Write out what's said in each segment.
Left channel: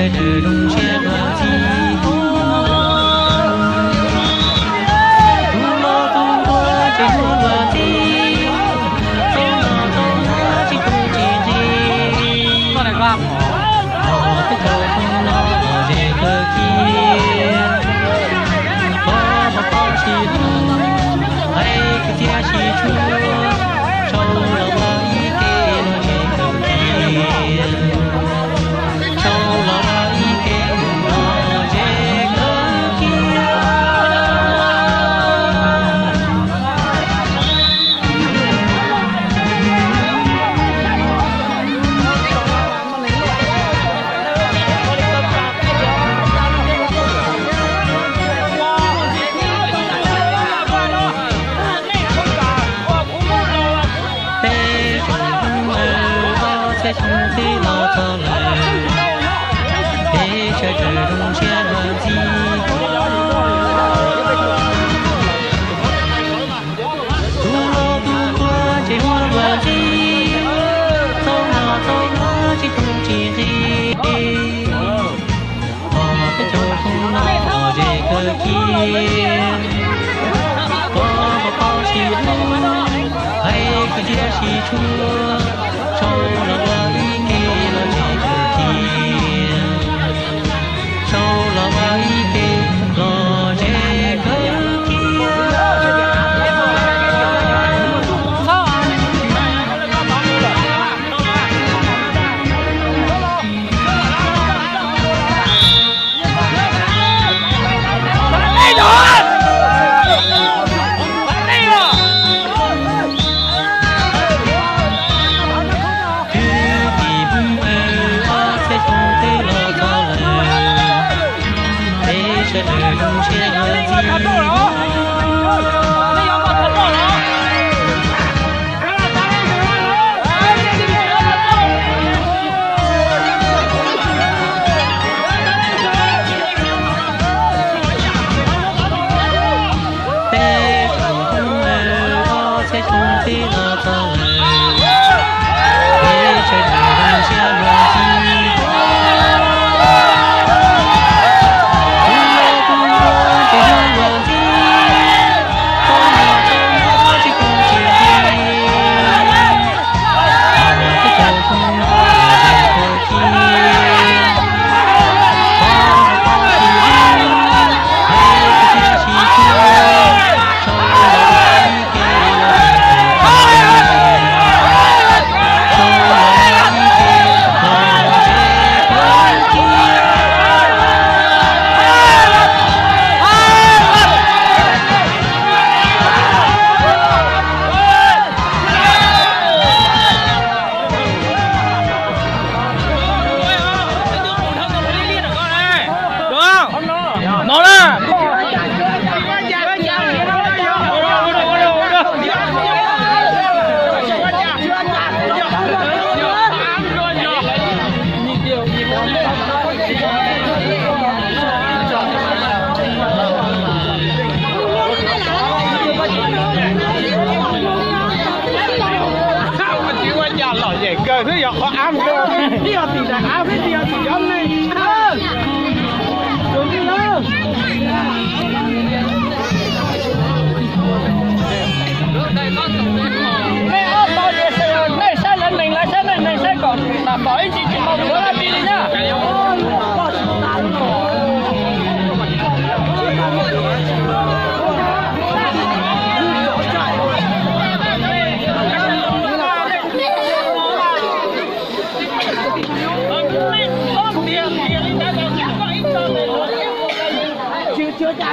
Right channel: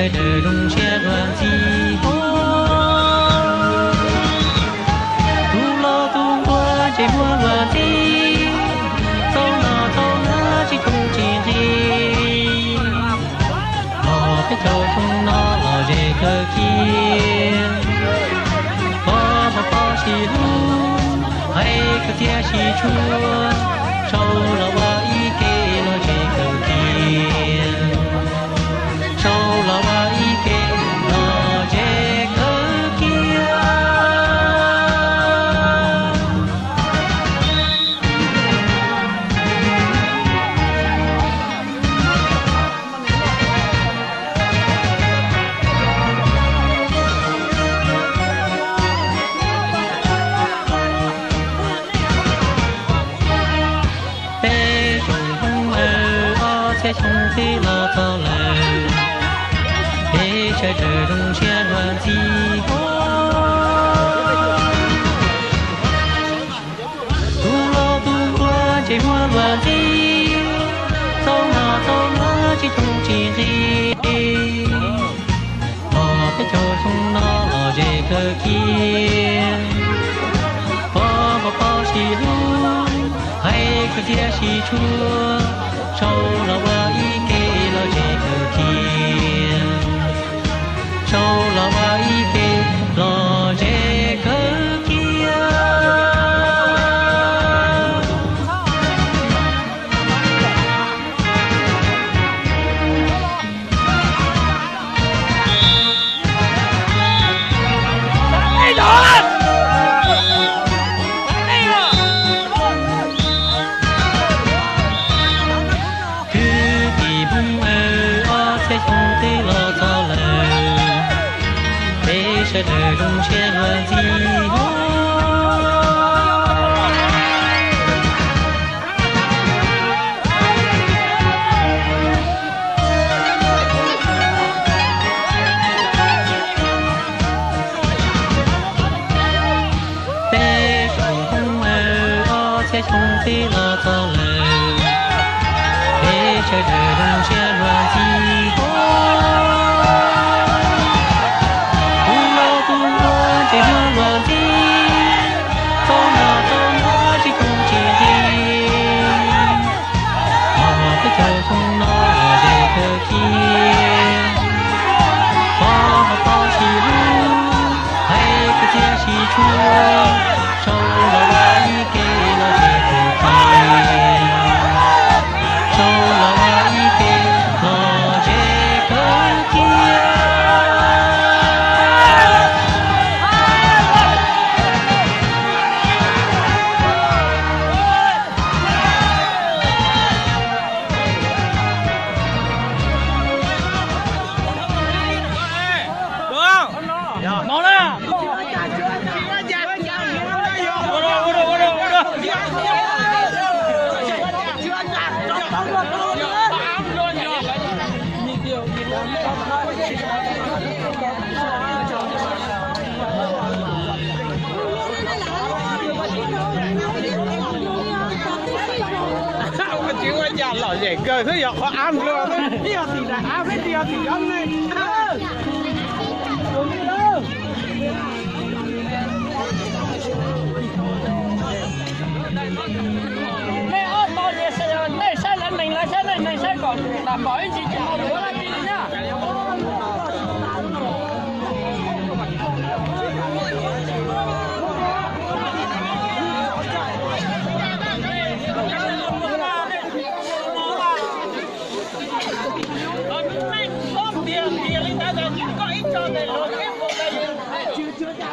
trời trời rung xe loạn gì tu lo tu qua chạy mua loạn gì tao nó chỉ tu chỉ gì họ cái trời không nó để cơ kia có chỉ lu hay cái tia chỉ chua sâu là ba ý kê nó chỉ cơ kia sâu là ba ý kê nó chỉ cơ kia trong thế lo cho lời để trời trời rung xe loạn gì tu lo tu qua chạy hoa loạn gì tao nó chỉ không chỉ gì họ cái chỗ không nó để cơ kia bỏ chỉ lu hay cái tia chỉ chua sâu là ba ý kê lo chỉ cơ kia sâu là ba ý kê lo chỉ cơ kia trời trời rung xe loạn gì bé trồng không mơ sẽ trồng tí lo to lời bé trời trời rung xe loạn gì cơ thế giờ họ ám cơ đi học thì là ám hết đi học thì giống đi mẹ ôm bao nhiêu xe này xe lần mình lại xe này xe còn đảm bảo anh chị một bữa là đi nhá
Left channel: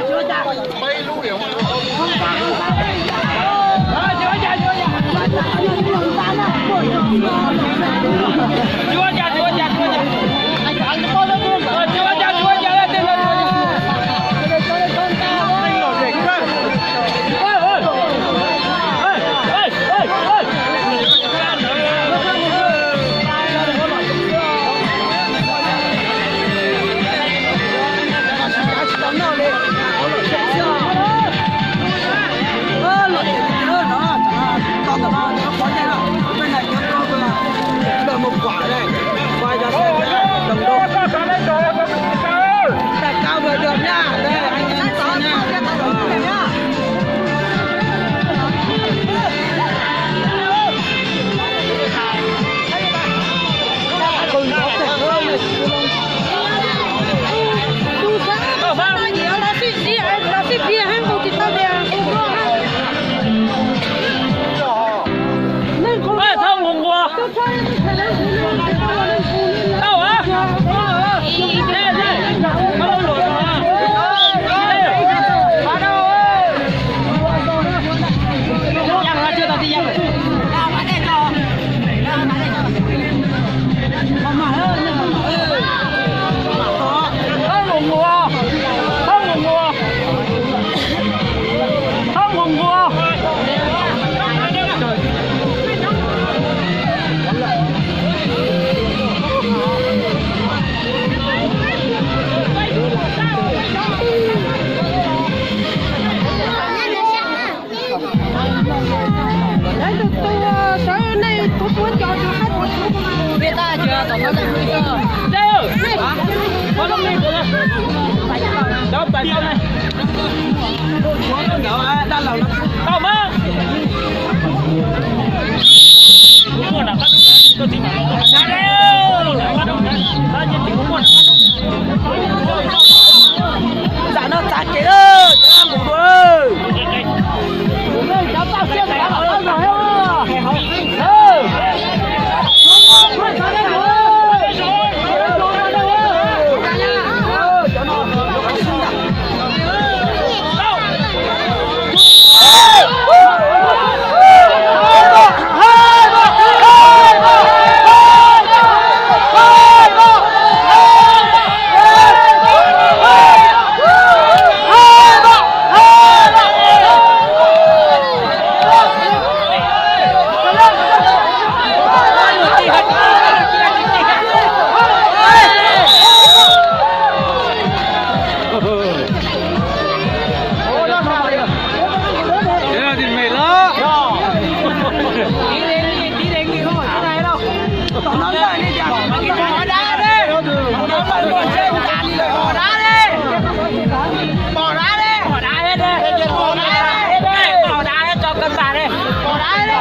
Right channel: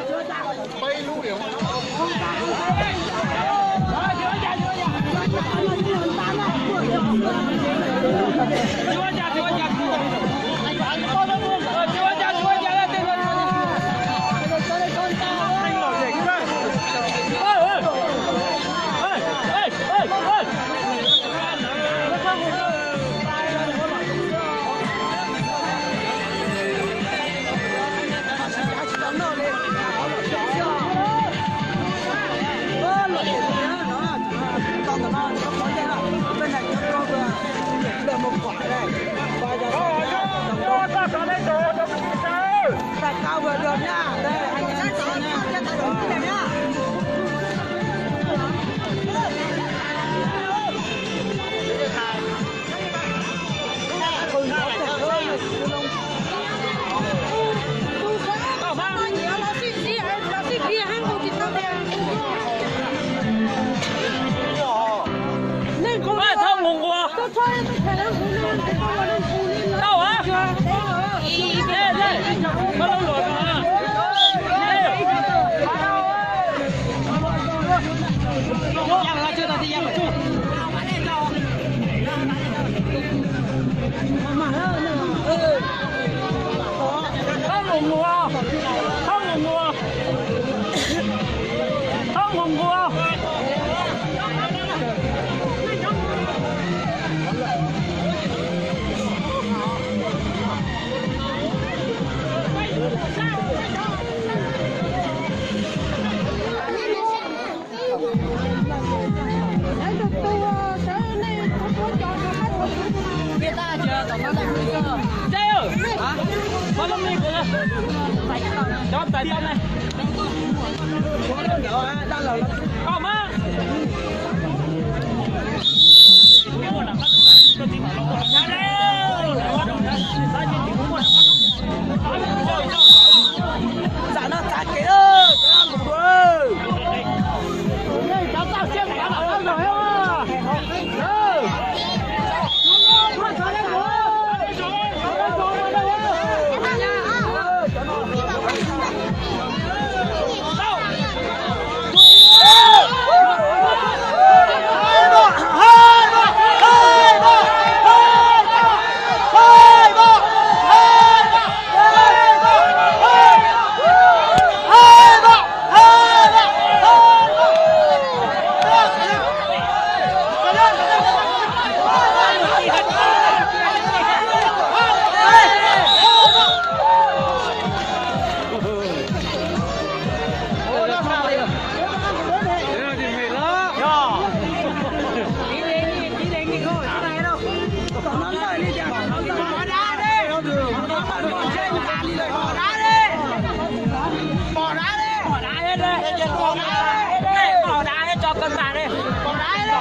chưa cha bay lưu điểm không đâu hả? chưa tao đi ra rồi. Không ngủ ngủ, không ngủ ngủ, không ngủ ngủ. Biết ta chưa? Tao nói lại nguy cơ. Hả? Có đông đi. Phải chứ con. Đó, tại sao này? Không á. Mua đã bắt. Tôi tìm ra dạ nó chặt chị ơi, ăn bụng ơi. Đây cháu tao xem đã bảo tao rồi không? Bỏ đá hết cho cân bà đi. Bỏ đá hết đi.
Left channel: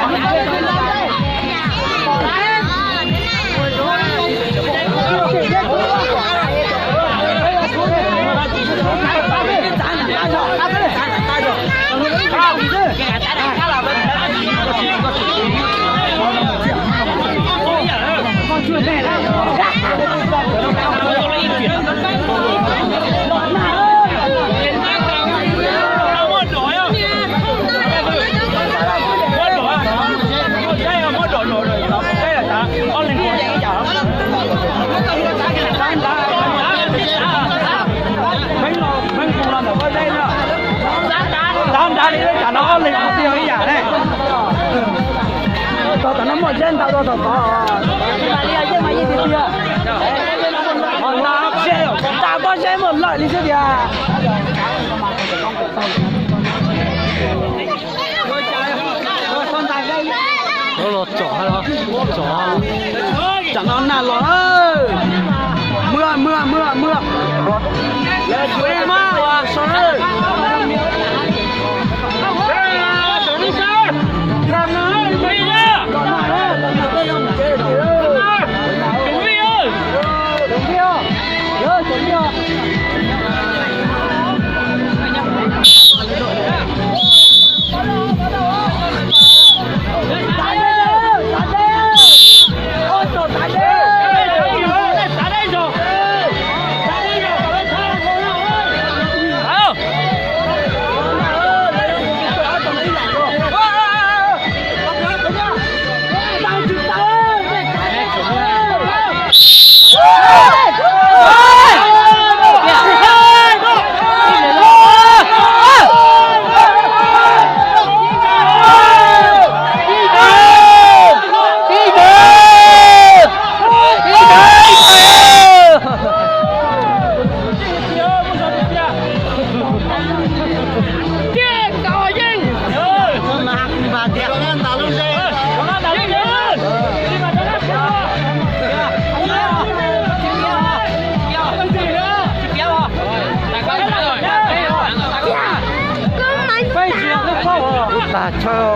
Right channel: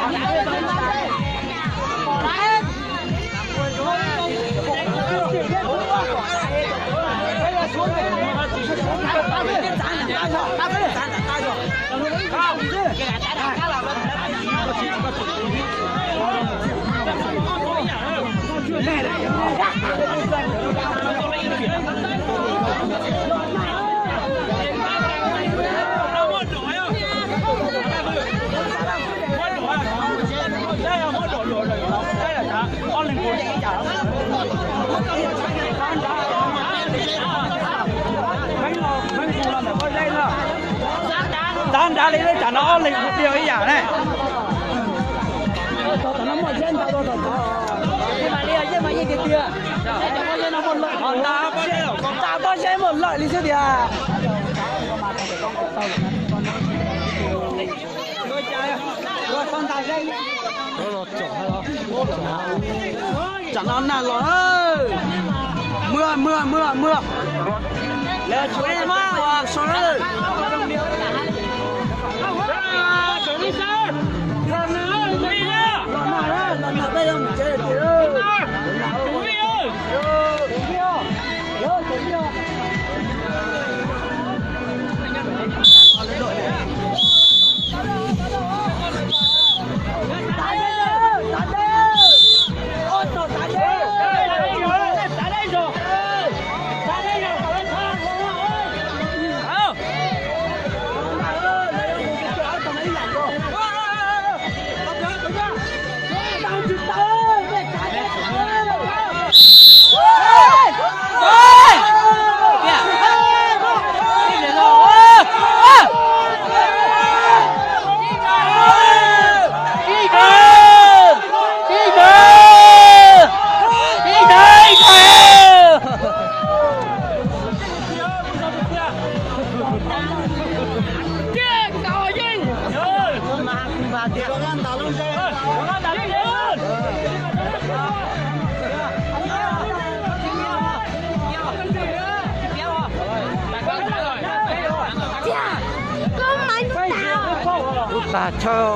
Bánh cù làm ở bên đây nữa. Dán đá đi chả nó liền một tiếng ấy giả này. Tao nó một chân tao tao. Đi mà đi chứ mà gì thì kia. Chả con xe một lợi đi chứ kìa. Nó lọt chỏ hay đó? Chỏ. Chẳng ngon nào lọt ơi. Mưa. Là chú em á, xuống ơi. Xuống đi sao? Làm nào, chú đi nhá. Chú đi ơi. Ta cho